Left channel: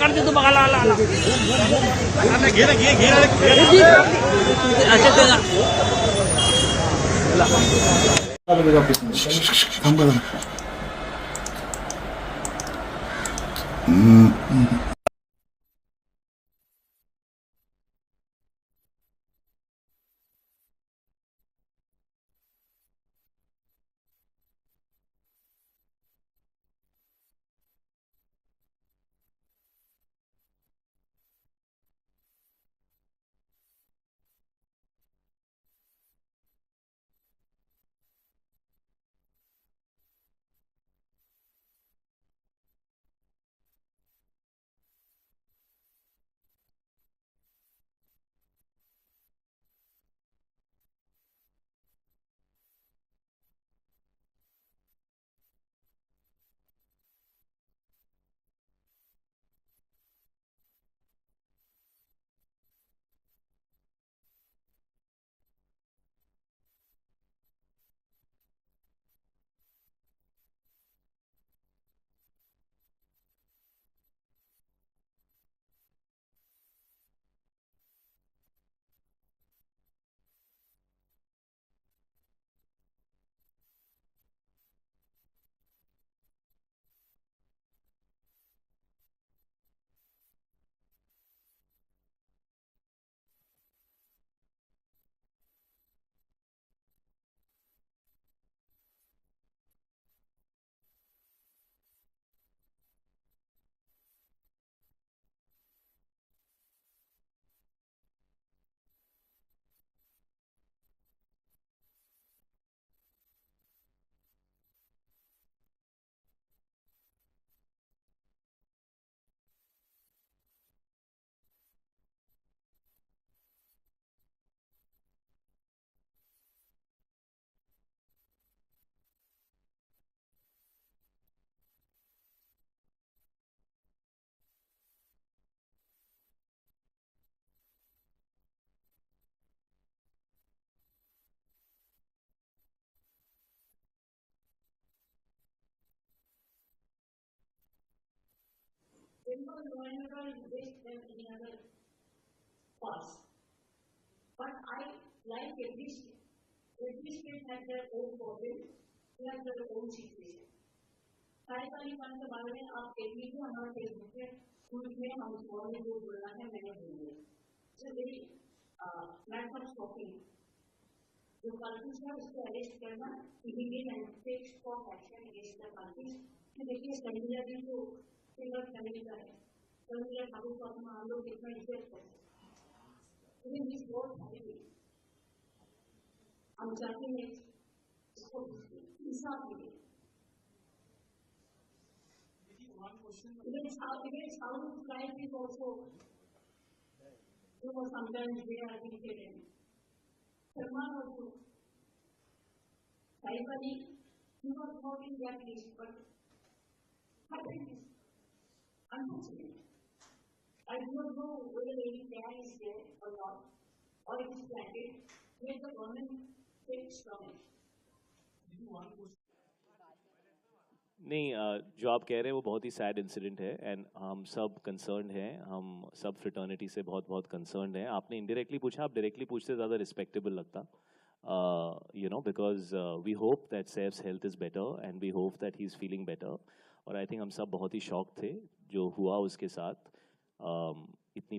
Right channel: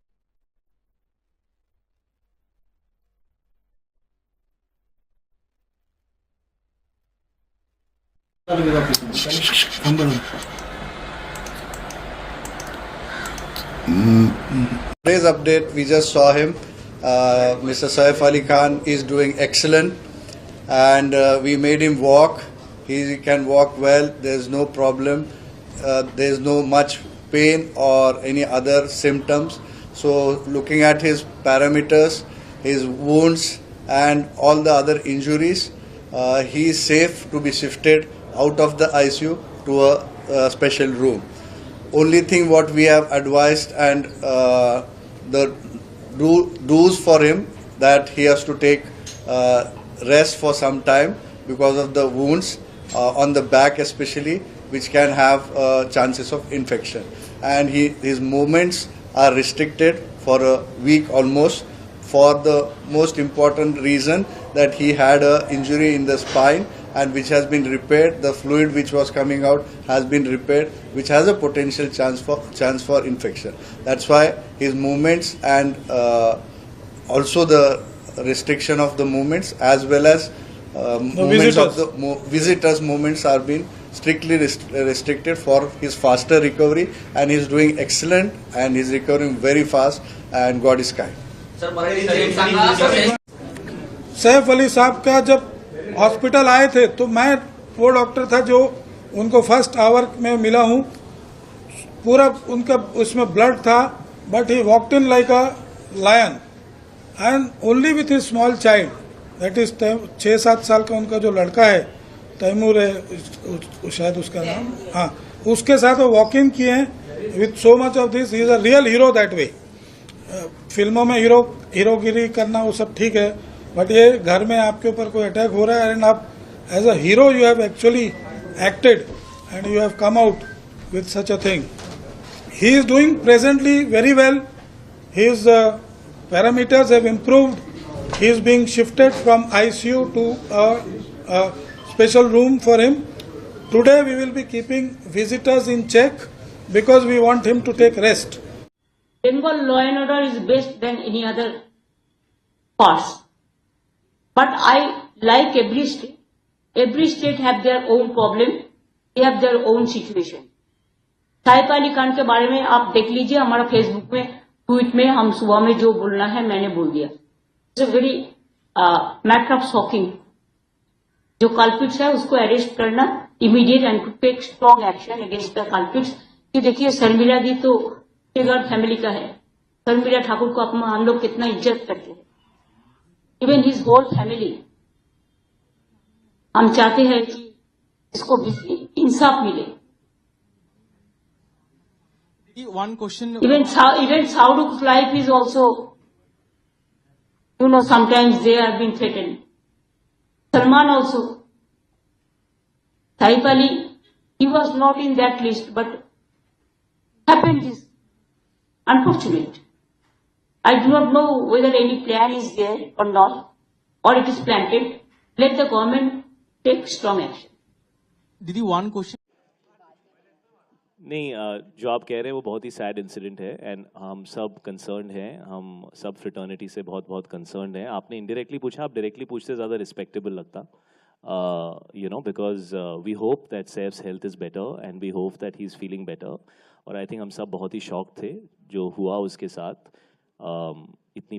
काट दे तो बघा Today's update, we just saw him. Mr. Saif Ali Khan is doing excellent, and we made him walk. He can walk well. There's no problem. There's no much pain or any other symptoms. So, looking at his parameters, his wounds, and all the other injuries, he is safe to be shifted out of the ICU to a special room. Only thing what we have advised and the do's for him, that he has to take rest for some time because of the wounds on the back especially, which can have chances of infection, and his movements are restricted for a week almost, for the most important reason that he had an injury in the spine, and which has been repaired. The fluid which was coming out has been repaired, which has a potential chance for infection. That's why his movements and also the restriction of the movements, as well as movements of the visitors' movements are being strictly restricted for his faster recovery, and he's doing excellent, and he's recovering very fast, and God is kind. Saif Ali साहब का जब hospital आए थे तो मैं वो doctor था जो उनको फर्स्ट आवर में मिला हूँ. पूरा उनका उसमें ब्लड था, but he walked in like a lion and only with his small child, that is 6-7 साल का उनका जो लड़का है, तैमूर है शायद उसका नाम, हाँ, उसके साथ वो वॉक इन किए हैं with so much of this. He is a real hero that way. फिल्मों में हीरोगिरी करना वो सब ठीक है, बट ये घर में आपके ऊपर कोई अटैक हो रहा है एंड आप as a hero you have actually acted and you have come out with such a thing. He is doing presently very well. His parameters have improved. He is being shifted from ICU to a special room for him. Today we will be keeping visitors in check because we want him to take rest. Bengal law and order is best than any other parts. But I like every state. Every state have their own problem. They have their own situation. साइफ Ali Khan के बारे में आप देख लीजिए, हमारा Facebook में tweet में हम सुबह में जो बोलना है मैंने बोल दिया. It's a very matter of shocking. जो कल्पिट्स है उसको अरेस्ट करना immediate and to take strong action against the culprits. कि देखिए शर्मिला दी तो टिगर फैमिली का है. शर्मिला ठाकुर को हम लोग कितना इज्जत करते हैं. Even his whole family. हम चाहते हैं कि इसको इंसाफ मिले. One question. Even Shahruk's life is also, sometimes they have been threatened. Salman also. Saif Ali, he was not in that list, but happened is unfortunate. I do not know whether any plan is there or not, or it is planted. Let the government take strong action. Didi, one question. नहीं, जो आप कह रहे हैं वो बहुत ही sad incident है and हम सब कंसर्न्ड हैं. हम सब फ्रेटर्निटी से बहुत बहुत कंसर्न्ड हैं. आपने इनडायरेक्टली पूछा, आप डायरेक्टली पूछते ज़्यादा रिस्पेक्टेबल लगता. Because we hope that Saif's health is better and we hope that he is feeling better. और आई थिंक हम सब बहुत ही शॉक थे जो हुआ उसके साथ. इतनी